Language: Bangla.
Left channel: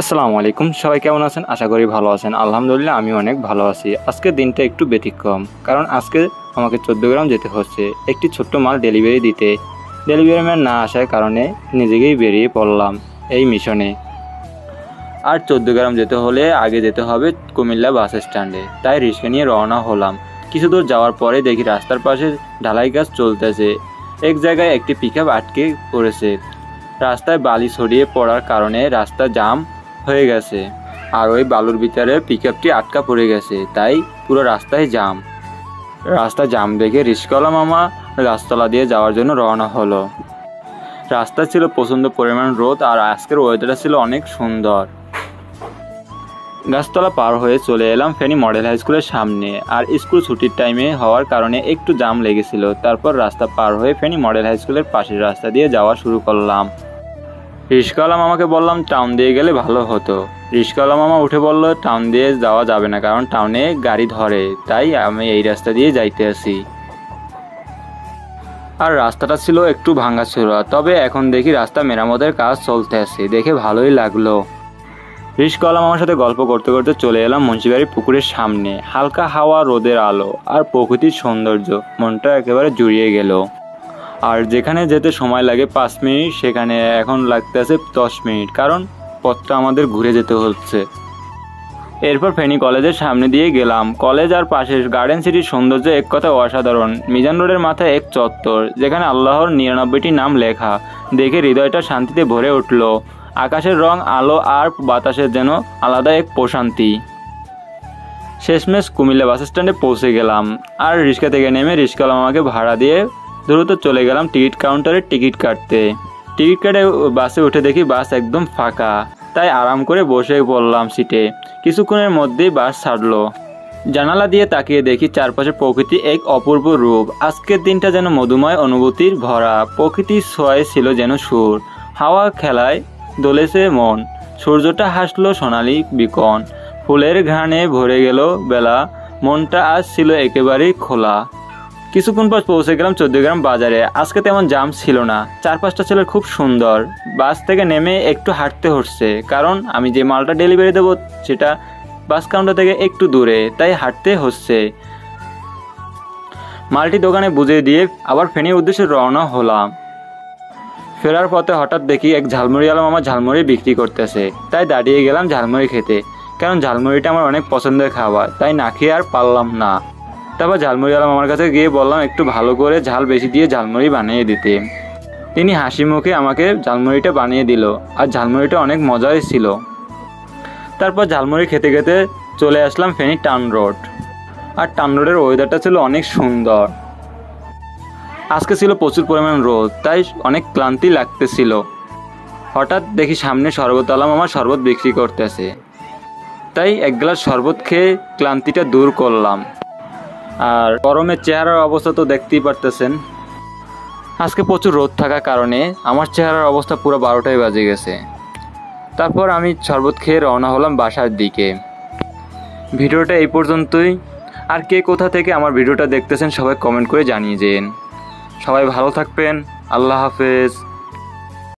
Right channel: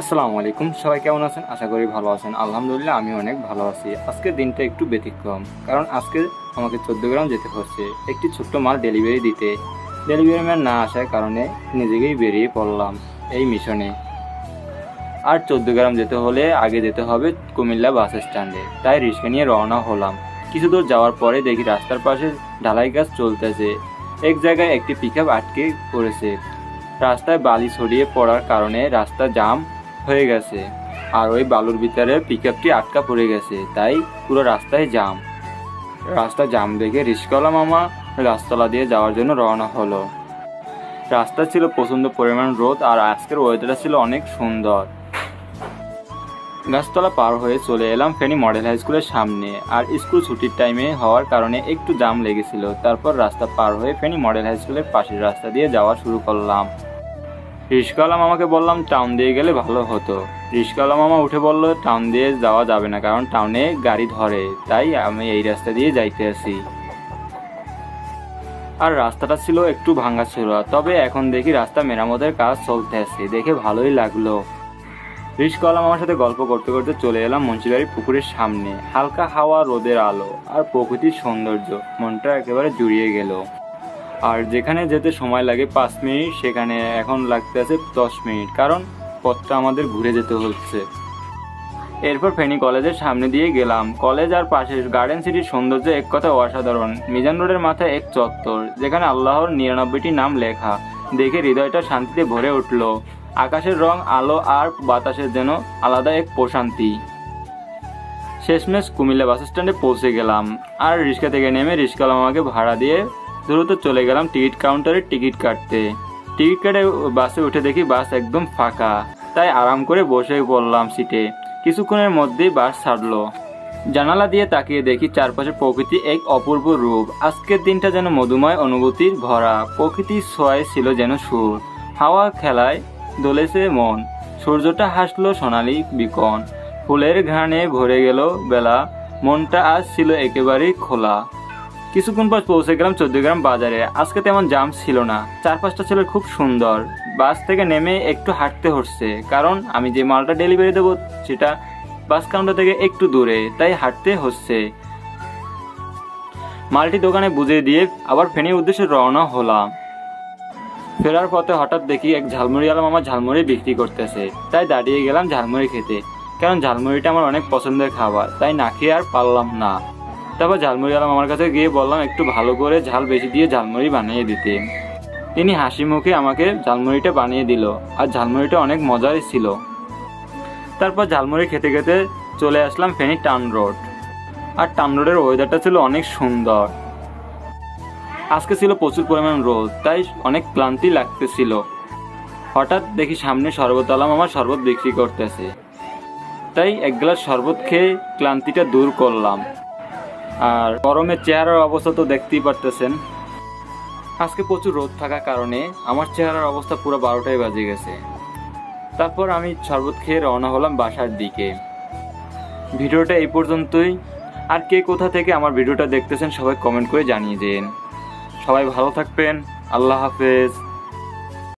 আসসালামু আলাইকুম, সবাই কেমন আছেন? আশা করি ভালো আছেন। আলহামদুলিল্লাহ আমি অনেক ভালো আছি। আজকের দিনটা একটু ব্যতিক্রম, কারণ আজকে আমাকে 14 গ্রাম যেতে হচ্ছে একটি ছোট্ট মাল ডেলিভারি দিতে। ডেলিভারি ম্যান না আসার কারণে নিজেকেই বেরিয়ে পড়লাম এই মিশনে। আর 14 গ্রাম যেতে হলে আগে যেতে হবে কুমিল্লা বাস স্ট্যান্ডে, তাই রিক্সা নিয়ে রওনা হলাম। কিছু দূর যাওয়ার পরে দেখি রাস্তার পাশে ঢালাই কাজ চলতেছে। এক জায়গায় একটি পিকআপ আটকে পড়েছে। রাস্তায় বালি ছড়িয়ে পড়ার কারণে রাস্তা জাম হয়ে গেছে, আর ওই বালুর ভিতরে পিকআপটি আটকা পড়ে গেছে, তাই পুরো রাস্তায় জাম। রাস্তা জাম দেখে রিক্সাওয়ালা মামা গাছতলা দিয়ে যাওয়ার জন্য রওনা হলো। রাস্তা ছিল প্রচণ্ড পরিমাণ রোদ, আর আজকের ওয়েদারটা ছিল অনেক সুন্দর। গাছতলা পার হয়ে চলে এলাম ফেনী মডেল হাই স্কুলের সামনে। আর স্কুল ছুটির টাইমে হওয়ার কারণে একটু জাম লেগেছিল। তারপর রাস্তা পার হয়ে ফেনী মডেল হাই স্কুলের পাশের রাস্তা দিয়ে যাওয়া শুরু করলাম। রিক্সাওয়ালা মামাকে বললাম টাউন দিয়ে গেলে ভালো হতো। রিক্সাওয়ালা মামা উঠে বলল টাউন দিয়ে যাওয়া যাবে না, কারণ টাউনে গাড়ি ধরে, তাই আমি এই রাস্তা দিয়ে যাইতে আছি। আর রাস্তাটা ছিল একটু ভাঙাচোরা, তবে এখন দেখি রাস্তা মেরামতের কাজ চলতে আছে, দেখে ভালোই লাগলো। রিক্সাওয়ালা মামার সাথে গল্প করতে করতে চলে এলাম মুন্সিবাড়ি পুকুরের সামনে। হালকা হাওয়া, রোদের আলো আর প্রকৃতির সৌন্দর্য মনটা একেবারে জুড়িয়ে গেল। আর যেখানে যেতে সময় লাগে 5 মিনিট, সেখানে এখন লাগতেছে 10 মিনিট, কারণ পথটা আমাদের ঘুরে যেতে হচ্ছে। এরপর ফেনী কলেজের সামনে দিয়ে গেলাম। কলেজ আর পাশের গার্ডেন সিটির সৌন্দর্য এক কথা অসাধারণ। মিজান রোডের মাথায় এক চত্বর, যেখানে আল্লাহর 99টি নাম লেখা, দেখে হৃদয়টা শান্তিতে ভরে উঠল। আকাশের রং, আলো আর বাতাসের যেন আলাদা এক প্রশান্তি। শেষমেশ কুমিল্লা বাস স্ট্যান্ডে পৌঁছে গেলাম। আর রিক্সা থেকে নেমে রিক্সাওয়ালা আমাকে ভাড়া দিয়ে দ্রুত চলে গেলাম টিকিট কাউন্টারে টিকিট কাটতে। টিকিট কাটে বাসে উঠে দেখি বাস একদম ফাঁকা, তাই আরাম করে বসে পড়লাম সিটে। কিছুক্ষণের মধ্যেই বাস ছাড়লো। জানালা দিয়ে তাকিয়ে দেখি চারপাশে প্রকৃতি এক অপূর্ব রূপ। আজকের দিনটা যেন মধুময় অনুভূতির ভরা। প্রকৃতির ছোঁয়ায় ছিল যেন সুর, হাওয়া খেলায় দোলেছে মন, সূর্যটা হাসলো সোনালি বিকন, ফুলের ঘ্রাণে ভরে গেল বেলা, মনটা আজ ছিল একেবারেই খোলা। কিছুক্ষণ পর পৌঁছে গেলাম 14 গ্রাম বাজারে। আজকে তেমন জাম ছিল না, চারপাশটা ছিল খুব সুন্দর। বাস থেকে নেমে একটু হাঁটতে হচ্ছে, কারণ আমি যে মালটা ডেলিভারি দেবো সেটা বাস কাউন্টার থেকে একটু দূরে, তাই হাঁটতে হচ্ছে। মালটি দোকানে বুঝিয়ে দিয়ে আবার ফেনীর উদ্দেশ্যে রওনা হলাম। ফেরার পথে হঠাৎ দেখি এক ঝালমুড়িওয়ালা মামা ঝালমুড়ি বিক্রি করতেছে, তাই দাঁড়িয়ে গেলাম ঝালমুড়ি খেতে, কারণ ঝালমুড়িটা আমার অনেক পছন্দের খাবার, তাই না খেয়ে আর পারলাম না। তারপর ঝালমুড়িওয়ালা মামার কাছে গিয়ে বললাম একটু ভালো করে ঝাল বেশি দিয়ে ঝালমুড়ি বানিয়ে দিতে। তিনি হাসি মুখে আমাকে ঝালমুড়িটা বানিয়ে দিল, আর ঝালমুড়িটা অনেক মজাই ছিল। তারপর ঝালমুড়ি খেতে খেতে চলে আসলাম ফেনী টাউন রোড। আর টাউন রোডের ওয়েদারটা ছিল অনেক সুন্দর। আজকে ছিল প্রচুর পরিমাণ রোদ, তাই অনেক ক্লান্তি লাগতেছিল। হঠাৎ দেখি সামনে শরবতওয়ালা মামা শরবত বিক্রি করতেছে, তাই এক গ্লাস শরবত খেয়ে ক্লান্তিটা দূর করলাম। আর গরমের চেহারার অবস্থা তো দেখতেই পারতেছেন। আজকে প্রচুর রোদ থাকার কারণে আমার চেহারার অবস্থা পুরো 12টাই বাজে গেছে। তারপর আমি শরবত খেয়ে রওনা হলাম বাসার দিকে। ভিডিওটা এই পর্যন্তই। আর কে কোথা থেকে আমার ভিডিওটা দেখতেছেন সবাই কমেন্ট করে জানিয়ে দিন। সবাই ভালো থাকবেন। আল্লাহ হাফেজ।